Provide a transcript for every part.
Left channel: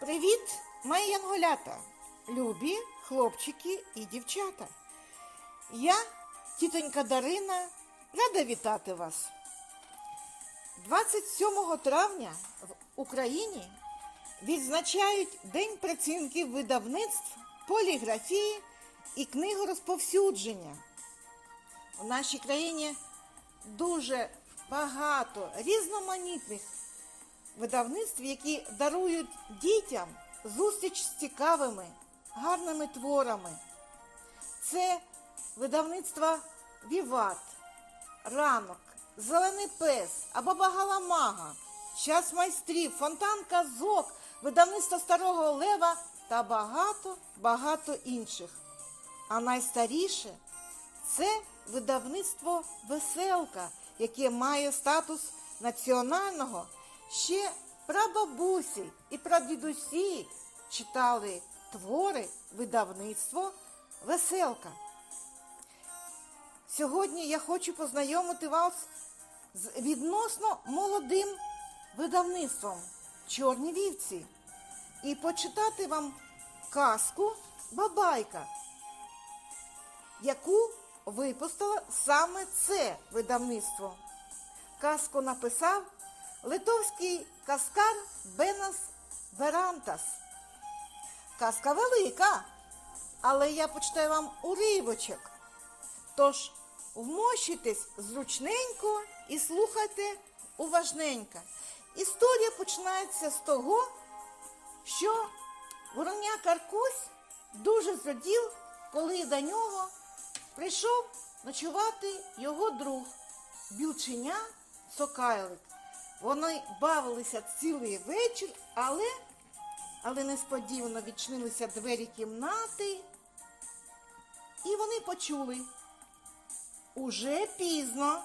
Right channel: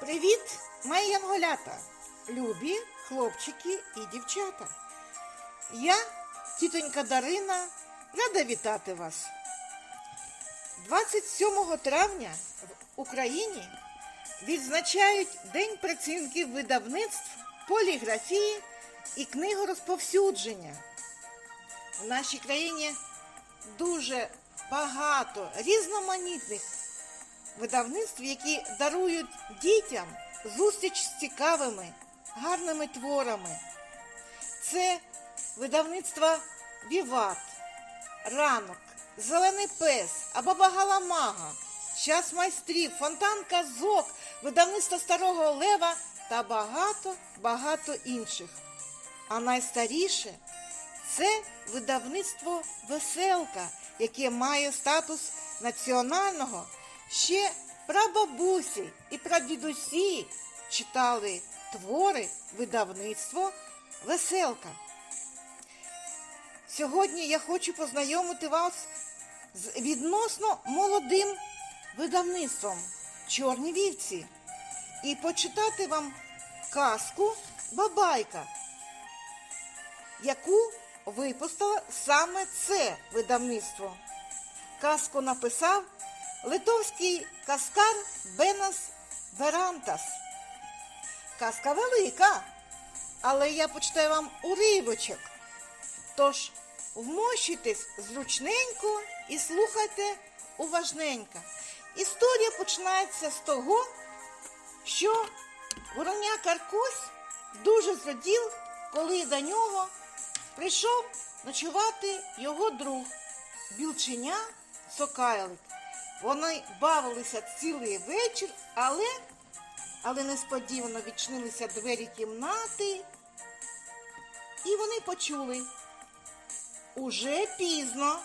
Привіт, мої янголята, любі хлопчики і дівчата. Я, тітонька Дарина, рада вітати вас. 27 травня в Україні відзначають День працівників видавництв, поліграфії і книгорозповсюдження. У нашій країні дуже багато різноманітних видавництв, які дарують дітям зустріч з цікавими, гарними творами. Це видавництва Віват, Ранок, Зелений пес, Абаба Галамага, Час майстрів, Фонтан Казок, видавництво Старого Лева та багато-багато інших. А найстаріше це видавництво Веселка, яке має статус національного. Ще прабабусі і прадідусі читали твори видавництво Веселка. Сьогодні я хочу познайомити вас з відносно молодим видавництвом Чорні вівці і почитати вам казку Бабайка, яку випустило саме це видавництво. Казку написав литовський каскар Бенас Верантас. Казка велика, але я почитаю вам уривочок. Тож вмощуйтесь зручненько і слухайте уважненько. Історія починається з того, що вороня Каркусь дуже зрадів, коли до нього прийшов ночувати його друг, білченя Сокайлик. Вони бавилися цілий вечір, але, але несподівано відчинилися двері кімнати, і вони почули. Уже пізно,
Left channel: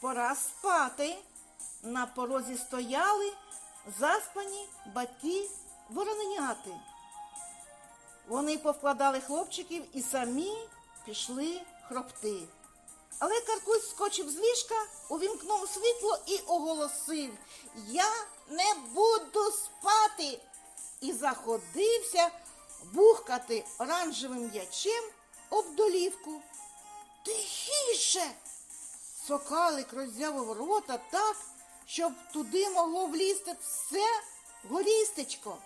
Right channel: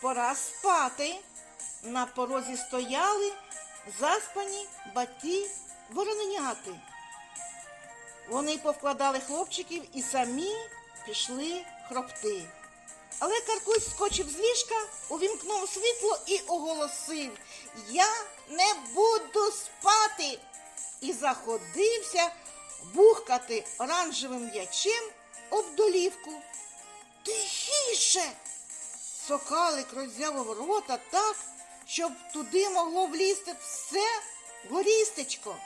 пора спати. На порозі стояли заспані батьки вороненяти. Вони повкладали хлопчиків і самі пішли хропти. Але Каркусь скочив з ліжка, увімкнув світло і оголосив Я не буду спати. І заходився бухкати оранжевим м'ячем об долівку. Тихіше. Сокалик роззявив рота так, щоб туди могло влізти все горістечко.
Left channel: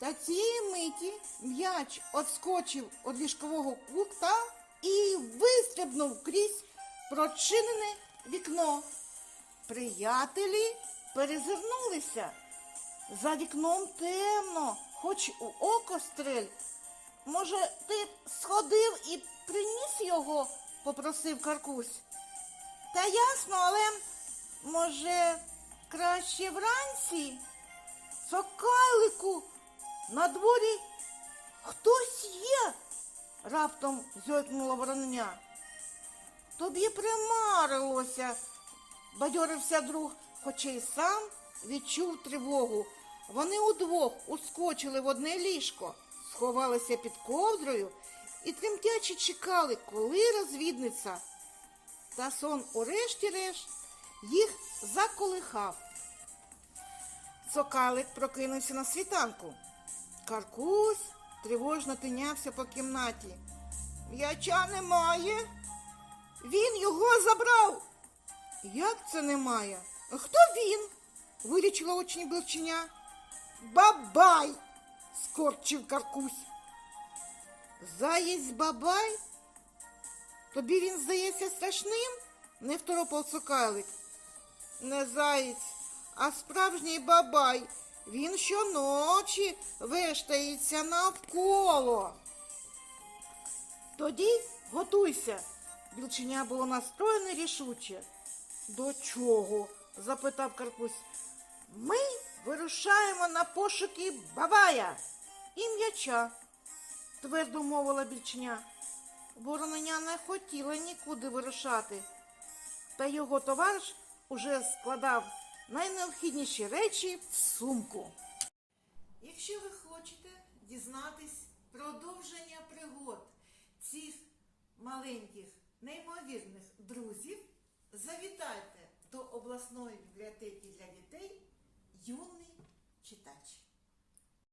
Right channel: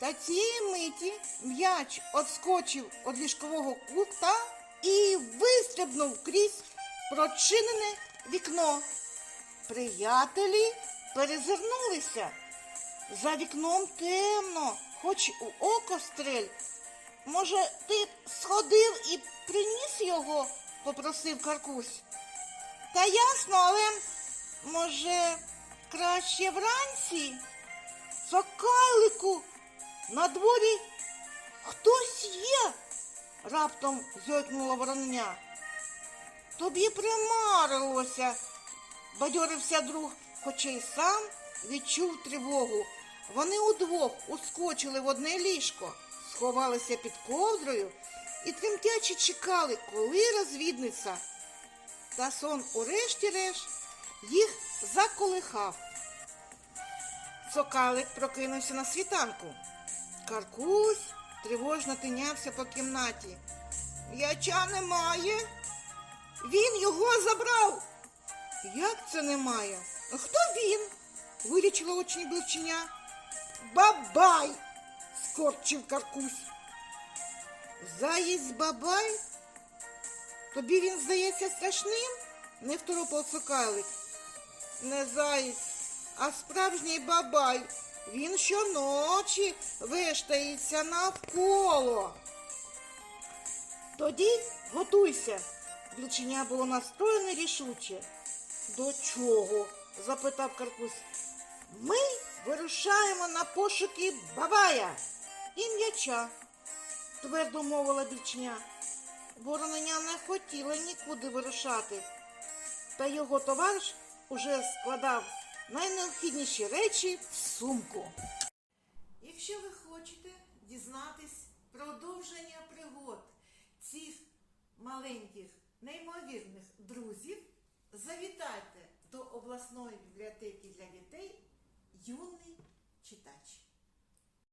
Та цієї миті м'яч отскочив від ліжкового кута і вистрибнув крізь прочинене вікно. Приятелі перезирнулися. За вікном темно, хоч у око стрель. Може, ти сходив і приніс його, попросив Каркусь. Та ясно, але може краще вранці? Сокалику, на дворі хтось є, раптом зойкнула вороння. Тобі примарилося, бадьорився друг, хоча й сам відчув тривогу. Вони удвох ускочили в одне ліжко, сховалися під ковдрою і тремтячи чекали, коли розвідниця. Та сон урешті-решт їх заколихав. Сокалик прокинувся на світанку. Каркусь тривожно тинявся по кімнаті. Яча немає. Він його забрав. Як це немає? Хто він? вилічила очі білченя. Бабай, скорчив Каркусь. Заєць бабай? Тобі він здається страшним? не второпав Сокалик. Не заєць, а справжній бабай. Він щоночі вештається навколо. Тоді готуйся. Білченя було настроєне рішуче. До чого? запитав Карпусь. Ми вирушаємо на пошуки бабая і м'яча, твердо мовила більчня. Вороненя не хотіла нікуди вирушати, та його товариш уже складав найнеобхідніші речі в сумку. Якщо ви хочете дізнатись продовження пригод цих маленьких, неймовірних друзів, завітайте до обласної бібліотеки для дітей юний